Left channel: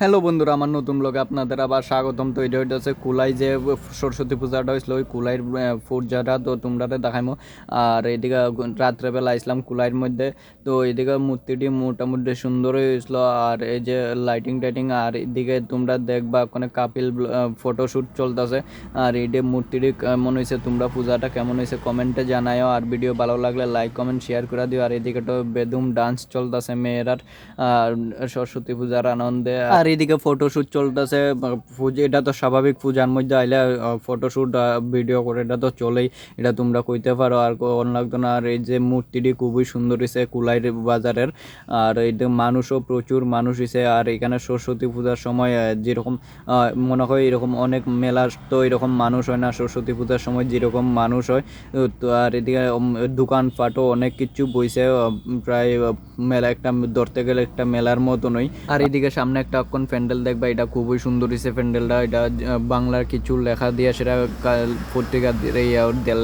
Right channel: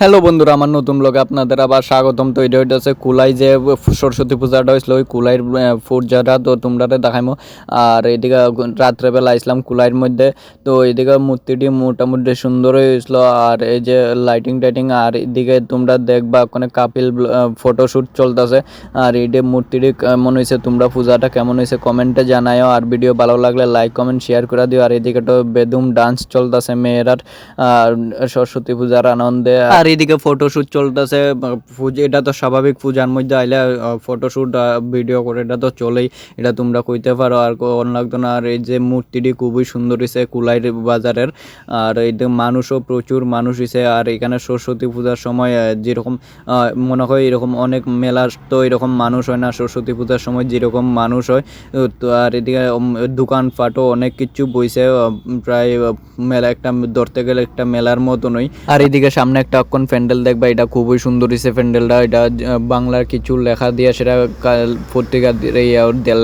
Hello বন্ধুরা, আমার নতুন ব্লগে আপনাদের আবার স্বাগতম। তো এটা হচ্ছে কুলাই যে সরস্বতী পূজাটা হয়েছিল, ওই কুলাইয়ের পূজাটা তো তোমরা দেখাইমো। আর এদিকে রাত্রেবেলা আসলাম কুলাইয়ের মধ্যে। তো এদিকে মূর্তিটি মোটামুটি সুন্দর হয়েছিল, আর এই যে লাইটিং টাইটিং, আর এদিকে তোমরা দেখবা কোনো কাপিল ফটোশ্যুট চলতেছে। আর এই যে মূর্তিটি কেমন হয়েছে, তোমরা পূজাটা কেমন হয়েছে কমেন্টে জানাও। আর ভিডিও ভালো লাগলে লাইক কমেন্ট শেয়ার করে দিও। আর এদিকে তো বেদুম ডান্স চলতেছে মেয়েরার সরস্বতী পূজার আনন্দে। আর এদিকে ফটোশুট চলতেছে। এটা তো স্বাভাবিক, পূজার মধ্যে আইলে ফটোশুট ভিডিও করে এটা তো চলেই, এটা তোমরা কইতে পারো। আর কোন লাগতো না। আর এই যে মূর্তিটি খুবই সুন্দর হয়েছে কুলাইর বাজারের। আর এই মানুষও প্রচুর মানুষ হয়েছে। আর এখানে সরস্বতী পূজার সময় যেরকম মনে হয় এরকম অনেক মেলা, তো এরকম মানুষ হয় না সরস্বতী পূজার সময় যেরকম মানুষ হয়। তো আর এদিকে দোকানপাটও অনেক কিছু বইছে, প্রায় মেলা একটা ধরতে গেলে একটা মেলার মতনই। আর এদিকে সামনে একটা অক্ষণ প্যান্ডেল দেখবা, এটা খুবই সুন্দর হয়েছে প্যান্ডেলটা। এটা বাংলার কিছু লেখা দিয়ে সেটা পত্রিকা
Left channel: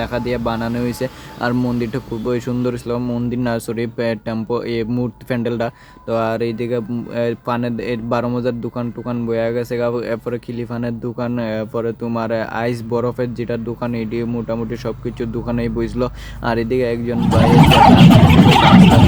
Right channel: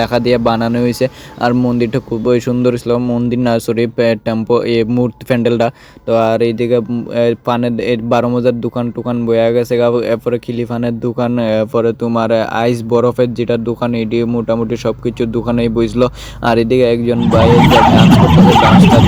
লেখা দিয়ে বানানো হয়েছে। আর মন্দিরটা খুবই সুন্দর ছিল, মন্দির না সরি টেম্পো এই মূর্তি প্যান্ডেলটা। তো আর এইদিকে পানের 12 মজার দোকান টোকান বয়া গেছে, এরপরে খিলিফানের দোকান, এরপরে তোমার আইস বরফের যেটা দোকান, এটি মোটামুটি সব কিছুর দোকানেই বইছিল। আর এদিকে একজন ভাই ডান্স করতেছে, ডান্সটা